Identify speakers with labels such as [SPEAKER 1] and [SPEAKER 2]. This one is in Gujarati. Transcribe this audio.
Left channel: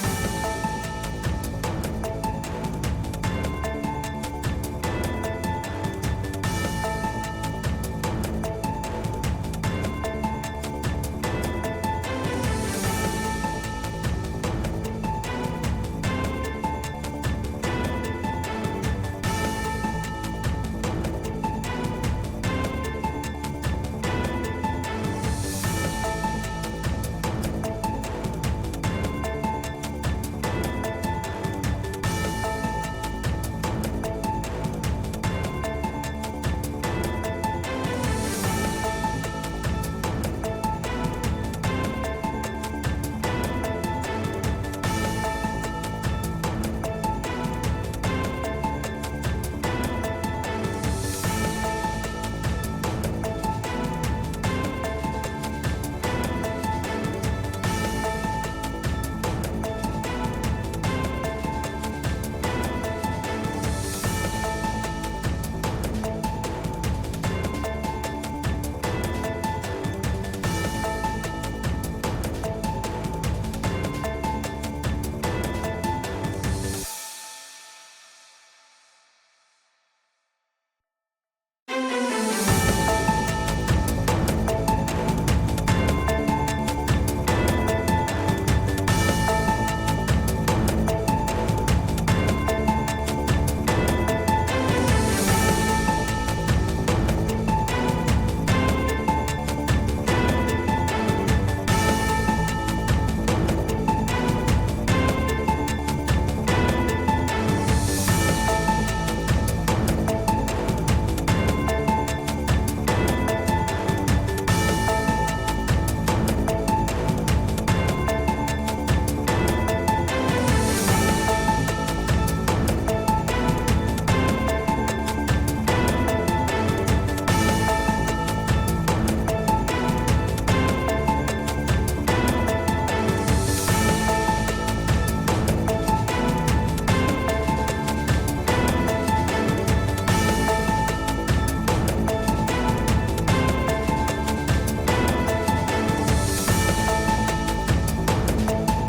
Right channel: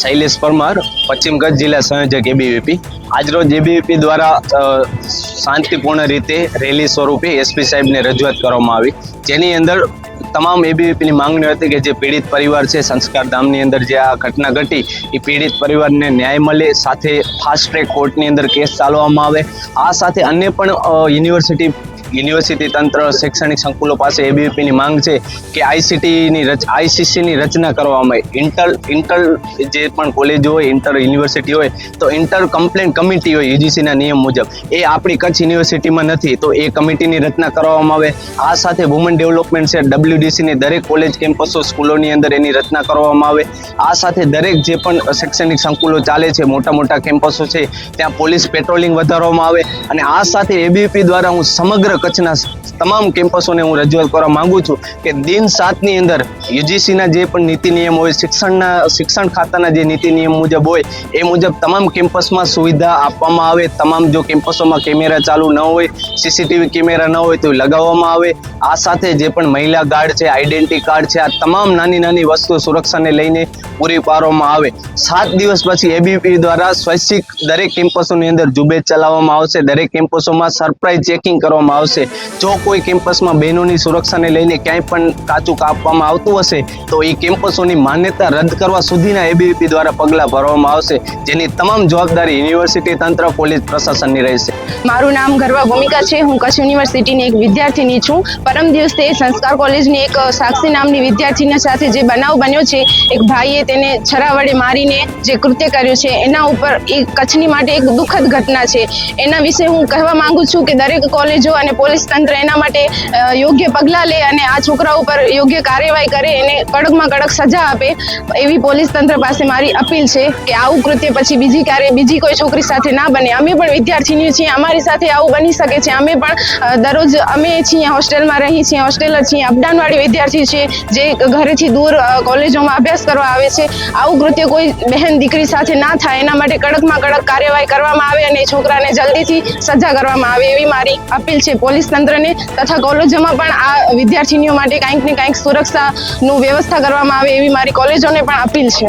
[SPEAKER 1] શૈલેષ પરમાર, પશ્ચિમ કચ્છ જિલ્લા સંયોજક એબીવીપી આજરોજ એબીવીપી દ્વારા શાંતિપૂર્ણ રીતે રેલી સ્વરૂપે એસપી સાહેબને રજૂઆત કરવામાં આવી. જેની અંદર તમામ એબીવીપીની માંગણી હતી કે જે પીડિત પરિવાર છે, સંસ્કાર ધામની અંદર જે આ ઘટના ઘટી, એ પીડિત પરિવારને ન્યાય મળે, સાથે ફાસ્ટ ટ્રેક કોર્ટની અંદર કેસ ચાલવામાં આવે. આ સાથે અન્ય પણ યુનિવર્સિટી યુનિવર્સિટી તંત્ર, શૈક્ષણિક સંકુલો પાસે એબીવીપીની માંગ છે કે આઈસીટીની રચ આઈસીસીની રચના કરવામાં આવે. ઇન્ટર ઇન્ટર જે પણ કોલેજો હોય ઇન્ટર યુનિવર્સિટી હોય, તો ઇન્ટર કમ્પ્લેન કમિટી હોય યુજીસીના નિયમ મુજબ. એ આપણી કચ્છ યુનિવર્સિટીમાં નથી, તો એ કમિટીની રચના કરવામાં આવે. આ સાથે વુમન ડેવલપમેન્ટ છે ડબલ્યુડીસીની દરેક કોલેજ કેમ્પસો સ્કૂલોની અંદર એની રચના કરવામાં આવે. આ સાથે દરેક જે પણ શૈક્ષણિક સંકુલો ચાલે છે, મોટા મોટા કેમ્પસો છે, ત્યાં પોલીસ પેટ્રોલિંગ વધારવામાં આવે. અને આ સાથે એબીપી દ્વારા હું સમગ્ર કચ્છના તમામ કેમ્પસોને હું રજૂઆત કરવા માંગુ છું કે દિન સાતની અંદર યુજીસીના જે પણ નીતિ નિયમ હોય, શિક્ષણના, શિક્ષણ ખાતાના જે નીતિ નિયમ મુજબ હોય, એ મુજબ તમામ કેમ્પસમાં સુવિધા આપવામાં આવે. તમામ જો કેમ્પસોમાં કેમેરા ચાલુ ન હોય સીસીટીવી કેમેરા ન હોય તો લગાવવામાં આવે. આ સાથે જે પણ મહિલા ગાર્ડ છે, આઈડેન્ટિટી કાર્ડ છે, આ તમામ નાની નાની વસ્તુ સુરક્ષાને લઈને પૂરી પાડવામાં આવે. સાત દિવસ પછી એબીપી દ્વારા સ્વૈચ્છિક દરેક કેમ્પસોની અંદર ઝુંબેશ ચલાવવામાં આવશે. દરેક કેમ્પસોમાં સરપ્રાઇઝ ચેકિંગ કરવામાં આવશે. જો કોઈ કેમ્પસમાં બહેનોની સુરક્ષાને લઈને ક્યાંય પણ કાચું કાપવામાં આવતું હશે, તો એ કેમ્પસોની માન્યતા રદ કરવા સુધીના એબીવીપી દ્વારા પગલાં ભરવામાં આવશે, જેની તમામ જવાબદારી યુનિવર્સિટી તંત્ર, પોલીસ પ્રશાસનની રહેશે.
[SPEAKER 2] મારું નામ ગરવા ભૂમિકા છે. હું કચ્છ યુનિવર્સિટીની એક વિદ્યાર્થીની છું. પરમ દિવસે સંસ્કાર કોલેજની એક સાક્ષી નામની વિદ્યાર્થીના સાથે જે બનાવ બન્યો છે, એક ભાઈએ તેને છરા વડે મારીને જે કૃત્ય કર્યું છે, એના ઉપર એ કચ્છની માટે એક દુઃખદ ઘટના છે. એના વિશે હું કહેવા માંગુ છું કે દરેક કોલેજો અને પોલીસ તંત્ર એના માટે યોગ્ય પગલાં લે અને આ છોકરા ઉપર યોગ્ય કાર્યવાહી કરે, એને કડકમાં કડક સજા આપે, એવી પોલીસ તંત્ર પાસે મારી અપીલ છે કે આવું કૃત્ય પછી બીજી ક્યારે, બીજી કોઈ છોકરી સાથે ના બને. અમે પણ વિદ્યાર્થીની છીએ, અમારી સાથે આવું બની શકે છે. અમે પણ દરરોજ અમે છીએ, હોસ્ટેલમાં રહી છીએ, હોસ્ટેલ છીએ, અપડાઉનવાળી વિદ્યાર્થી છીએ, જે ઘરેથી દૂર કોલેજોમાં અભ્યાસ કરવા આવે છે. આવું કૃત્ય કોઈ બહેન, દીકરી સાથે ના થાય, એના માટે કડકમાં કડક કાર્યવાહી કરવામાં આવે અને છોકરાને જલ્દીથી સજા કરવામાં આવે, એવી મારી અપીલ છે. પોલીસ તંત્રને તથા કોલેજોમાં પણ આ વિદ્યાર્થીનીઓ માટે કાંઈક ને કાંઈક સુરક્ષાનું વ્યવસ્થા કરવામાં આવે એવી મારી કોલેજોને પણ અપીલ છે.